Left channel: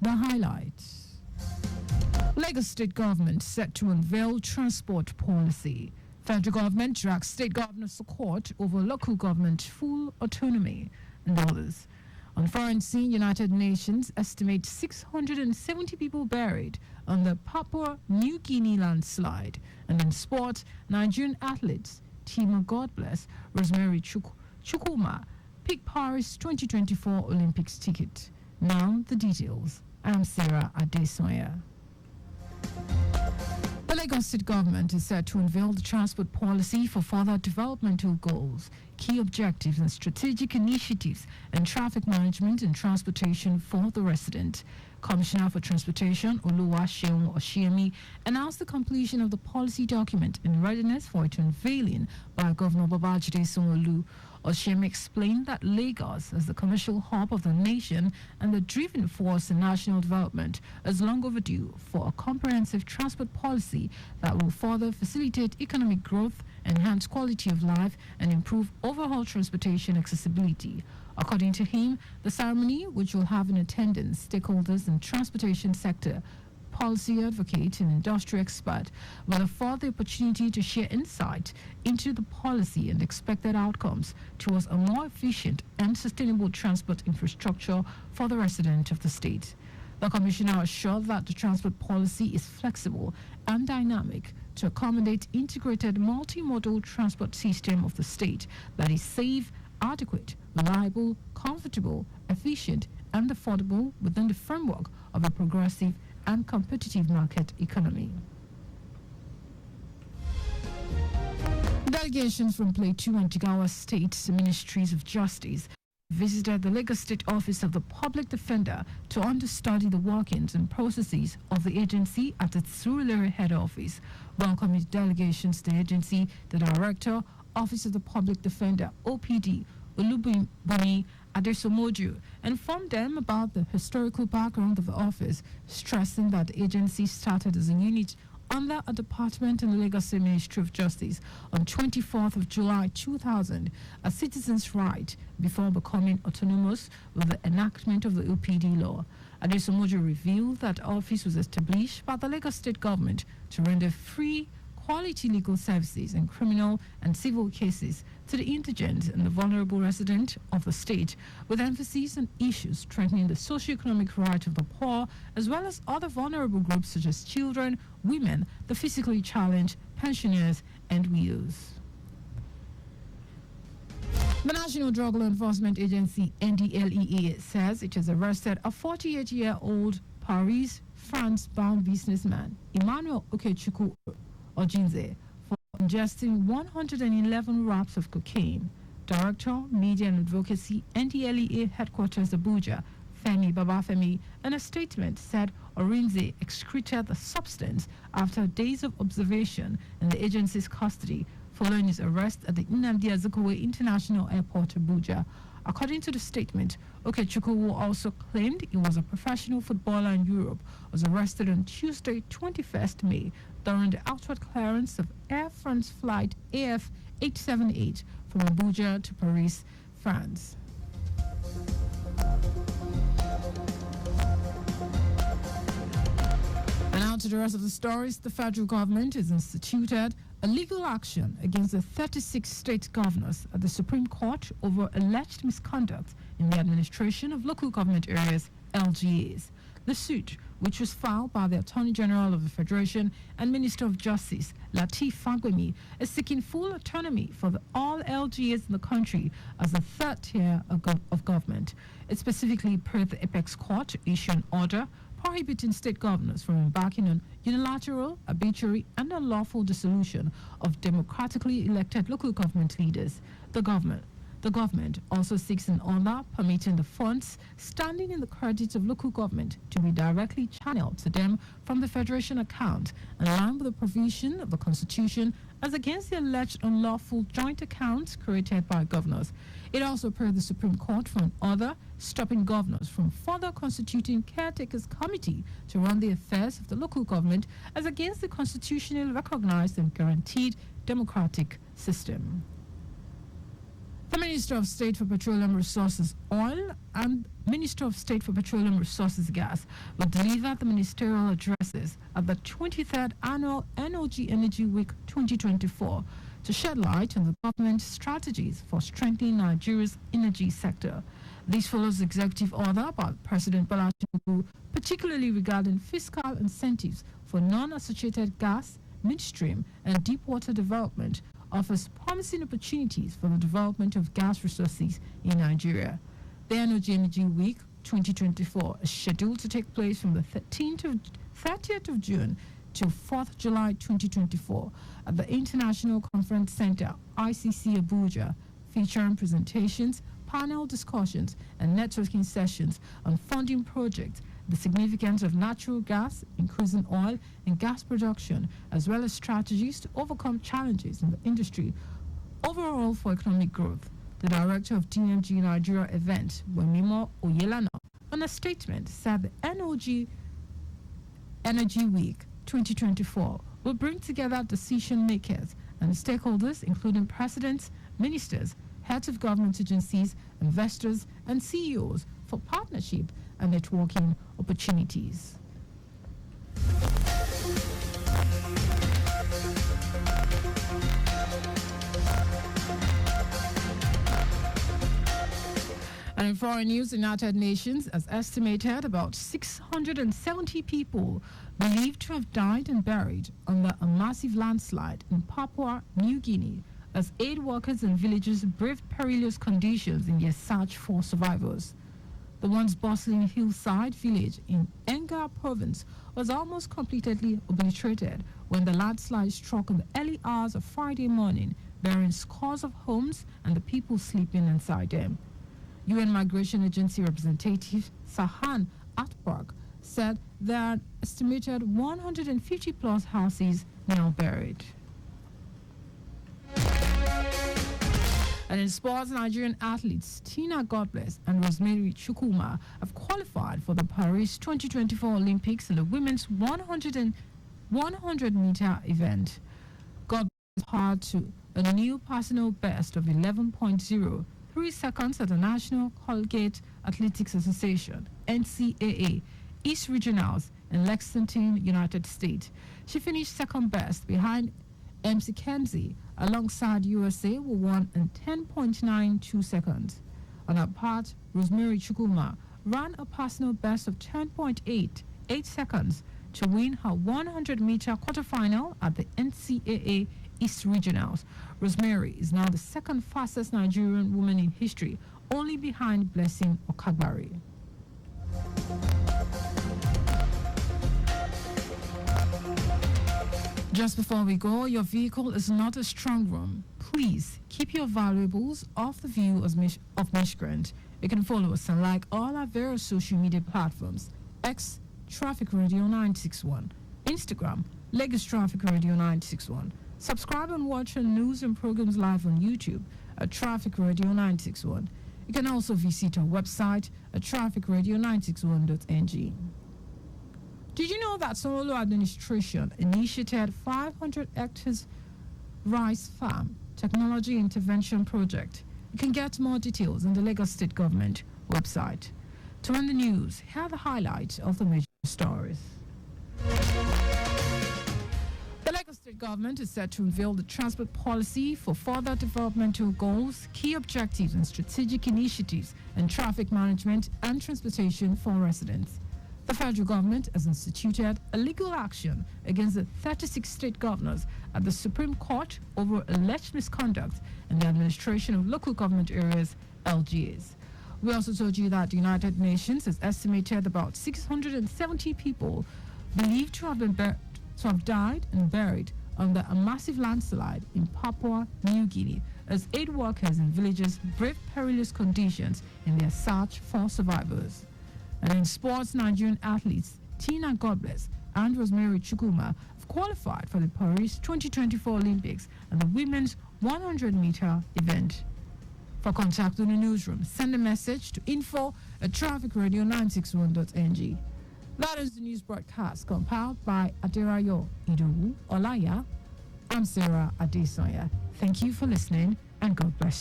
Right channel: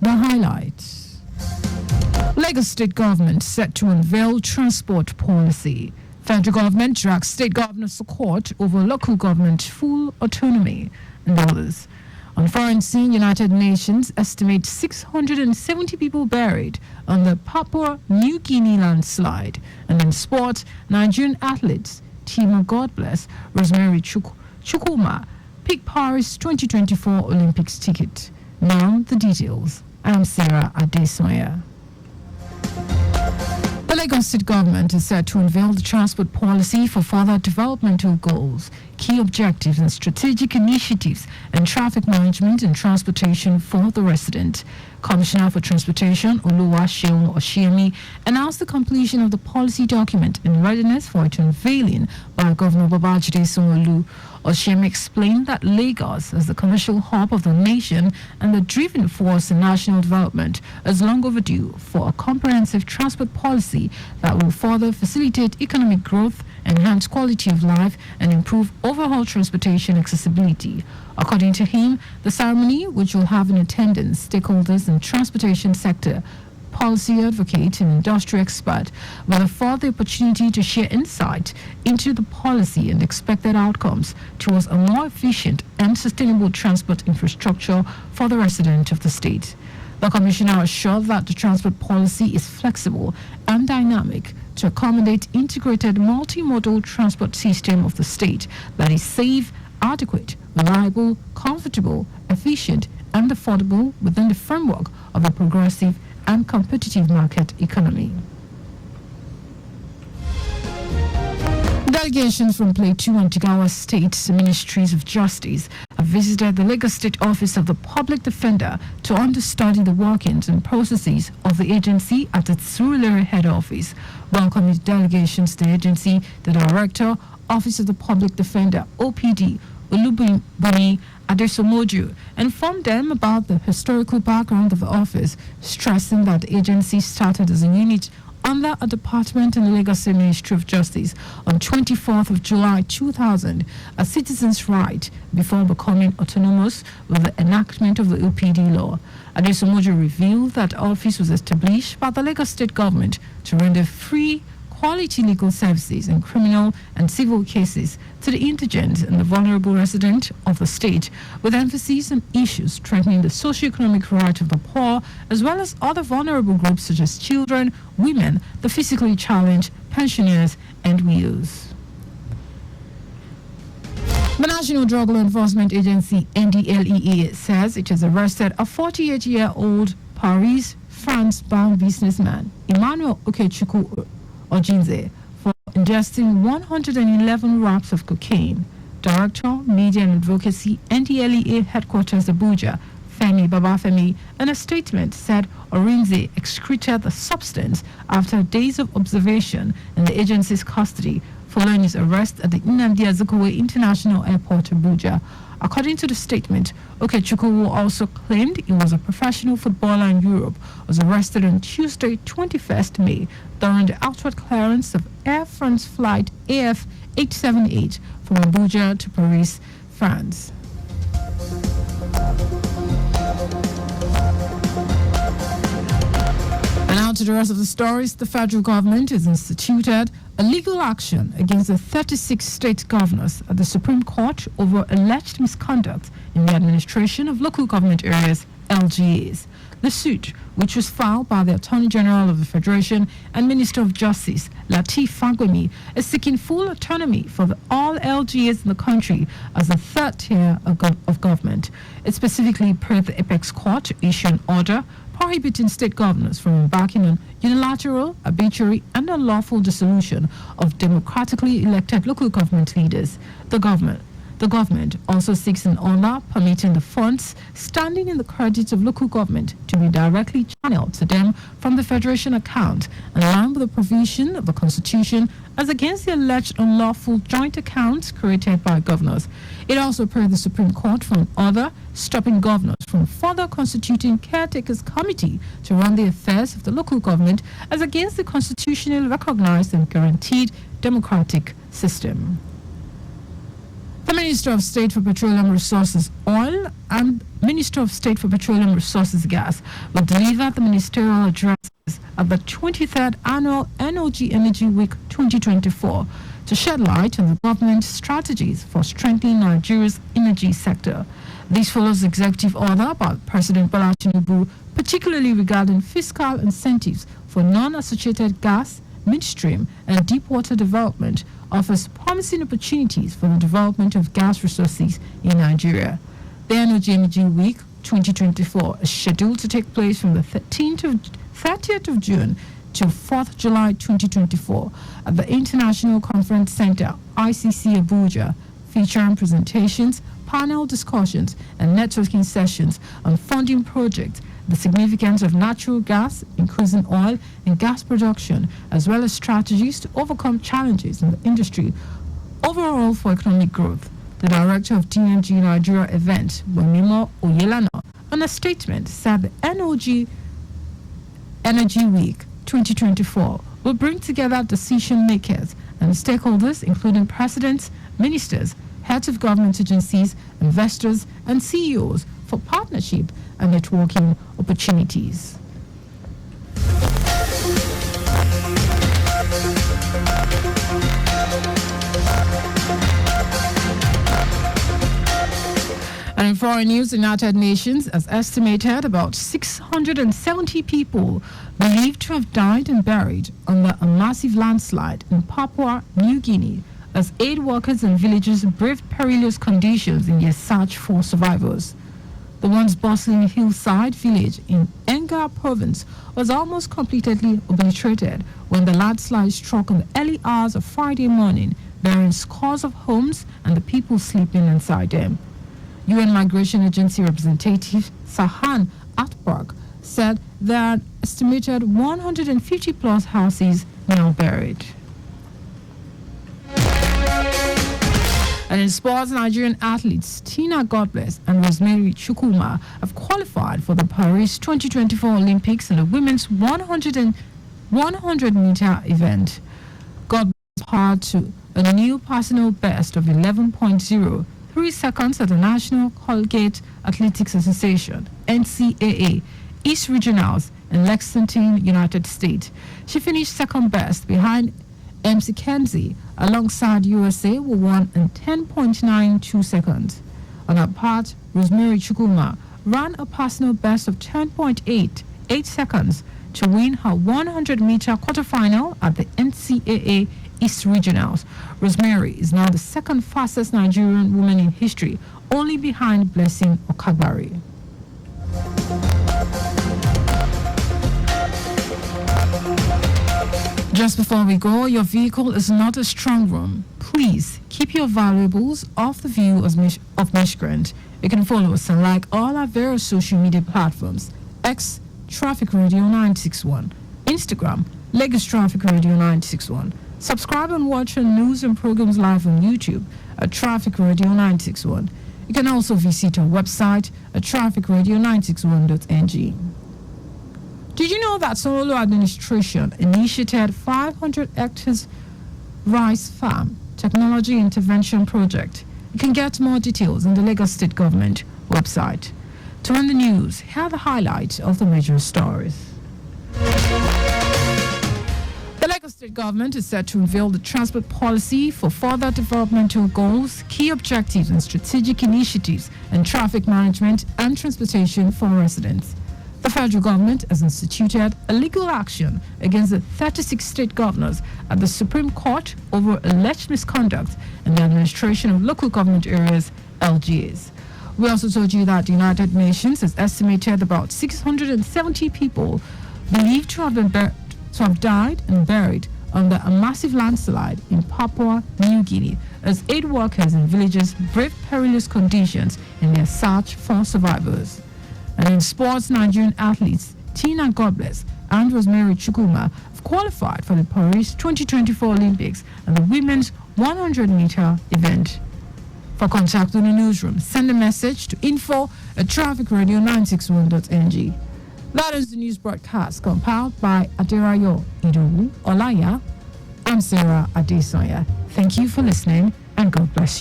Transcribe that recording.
the highlights. Lagos State Government set to unveil transport policy. Federal government drags state governors to court over local government full autonomy and others. On foreign scene, United Nations estimates 670 people buried on the Papua New Guinea landslide. And in sport, Nigerian athletes, team of God bless, Rosemary Chukwuma, picked Paris 2024 Olympics ticket. Now the details. I'm Sarah Adesanya. The Lagos State Government is set to unveil the transport policy for further developmental goals, key objectives and strategic initiatives, and traffic management and transportation for the resident. Commissioner for Transportation Oluwaseun Oshiemi announced the completion of the policy document in readiness for its unveiling by Governor Babajide Sanwo-Olu. Oshiemi explained that Lagos, as the commercial hub of the nation and the driving force in national development, is long overdue for a comprehensive transport policy that will further facilitate economic growth, enhance quality of life, and improve overall transportation accessibility. According to him, the ceremony, which will have in attendance stakeholders in transportation sector, policy advocate and industry expert, will afford the opportunity to share insight into the policy and expected outcomes towards a more efficient and sustainable transport infrastructure for the resident of the state. The commissioner assured that the transport policy is flexible and dynamic to accommodate integrated multimodal transport system of the state that is safe, adequate, reliable, comfortable, efficient, and affordable within the framework of a progressive and competitive market economy. Delegations from Plateau and Jigawa State's Ministries of Justice have visited the Lagos State Office of the Public Defender to understudy the workings and processes of the agency at its Surulere head office. Welcoming delegations to the agency, the Director, Office of the Public Defender, OPD, Olubunmi Adesomoju, informed them about the historical background of the office, stressing that the agency started as a unit under a department in the Lagos State Ministry of Justice on 24th of July 2000, a citizen's right before becoming autonomous with the enactment of the OPD law. Adesomoju revealed that the office was established by the Lagos State government to render free, quality legal services in criminal and civil cases to the indigent and the vulnerable resident of the state, with emphasis on issues strengthening the socio-economic right of the poor, as well as other vulnerable groups such as children, women, the physically challenged, pensioners, and widows. The National Drug Law Enforcement Agency, NDLEA, says it has arrested a 48-year-old Paris, France-bound businessman, Emmanuel Okechukwu Ojinze, for ingesting 111 wraps of cocaine. Director, Media and Advocacy, NDLEA Headquarters Abuja, Femi Babafemi, in a statement said Orinze excreted the substance after days of observation in the agency's custody following his arrest at the Nnamdi Azikiwe International Airport, Abuja. According to the statement, Okechukwu also claimed he was a professional footballer in Europe, was arrested on Tuesday, 21st May, during the outward clearance of Air France flight AF 878 from Abuja to Paris, France. And now to the rest of the stories. The federal government has instituted a legal action against the 36 state governors at the Supreme Court over alleged misconduct in the administration of local government areas, LGAs. The suit, which was filed by the Attorney General of the Federation and Minister of Justice, Lateef Fagbemi, is seeking full autonomy for all LGAs in the country as the third tier of government. It specifically prayed the Apex Court to issue an order prohibiting state governors from embarking on unilateral, arbitrary, and unlawful dissolution of democratically elected local government leaders. The government also seeks an order permitting the funds standing in the credits of local government to be directly channeled to them from the Federation account, in line with the provision of the Constitution as against the alleged unlawful joint accounts created by governors. It also prayed the Supreme Court for an order stopping governors from further constituting caretakers committee to run the affairs of the local government as against the constitutionally recognized and guaranteed democratic system. The Minister of State for Petroleum Resources Oil and Minister of State for Petroleum Resources Gas will deliver the ministerial addresses at the 23rd Annual Energy Week 2024 to shed light on the government's strategies for strengthening Nigeria's energy sector. This follows executive order by President Bola Tinubu, particularly regarding fiscal incentives for non-associated gas, midstream, and deep-water development, offers promising opportunities for the development of gas resources in Nigeria. The Energy Week 2024 is scheduled to take place from the 30th of June to 4th July 2024 at the International Conference Center, ICC Abuja, featuring presentations, panel discussions, and networking sessions on funding projects, the significance of natural gas, increasing oil and gas production, as well as strategies to overcome challenges in the industry overall for economic growth. The director of DNG Nigeria event, Bonimo Oyelana, in a statement said the Energy Week 2024 will bring together decision makers and stakeholders, including presidents, ministers, heads of government agencies, investors, and CEOs for partnership and networking opportunities. And in foreign news, the United Nations has estimated about 670 people believed to have died and buried under a massive landslide in Papua New Guinea as aid workers and villagers braved perilous conditions in their search for survivors. The once bustling hillside village in Enga province was almost completely obliterated when the landslide struck in the early hours of Friday morning, burying scores of homes and the people sleeping inside them. UN Migration Agency representative Sahan Atbark said there are estimated 150 plus houses now buried. And in sports, Nigerian athletes Tina Godbless and Rosemary Chukwuma have qualified for the Paris 2024 Olympics in the women's 100-meter event. Godbless powered to a new personal best of 11.03 seconds at the National Collegiate Athletics Association (NCAA) East Regionals in Lexington, United States. She finished second best behind MC Kenzie alongside USA, who won in 10.92 seconds. On her part, Rosemary Chukwuma ran a personal best of 10.88 seconds to win her 100-meter quarterfinal at the NCAA East Regionals. Rosemary is now the second fastest Nigerian woman in history, only behind Blessing Okagbari. Just before we go, your vehicle is not a strong room. Please keep your valuables off the view of miscreants. You can follow us on like all our various social media platforms: X Traffic Radio 961, Instagram Lagos Traffic Radio 961. Subscribe and watch our news and programs live on YouTube at Traffic Radio 961. You can also visit our website at trafficradio961.ng. Did you know that Sonolo administration initiated 500 hectares rice farm technology intervention project? You can get more details on the Lagos State Government website. To end the news, here are the highlights of the major stories. The Lagos State Government is set to unveil the transport policy for further developmental goals, key objectives and strategic initiatives in traffic management and transportation for residents. The federal government has instituted a legal action against the 36 state governors at the Supreme Court over alleged misconduct in the administration of local government areas, LGAs. We also told you that the United Nations has estimated about 670 people believed to have died and buried under a massive landslide in Papua New Guinea as aid workers and villagers braved perilous conditions in their search for survivors. And in sports, Nigerian athletes Tina Godbless and Rosemary Chukwuma have qualified for the Paris 2024 Olympics and the women's 100-meter event. For contact with the newsroom, send a message to info@trafficradio961.ng. That is the news broadcast compiled by Aderayo Idowu Olaya. I'm Sarah Adesanya. Thank you for listening and God bless you.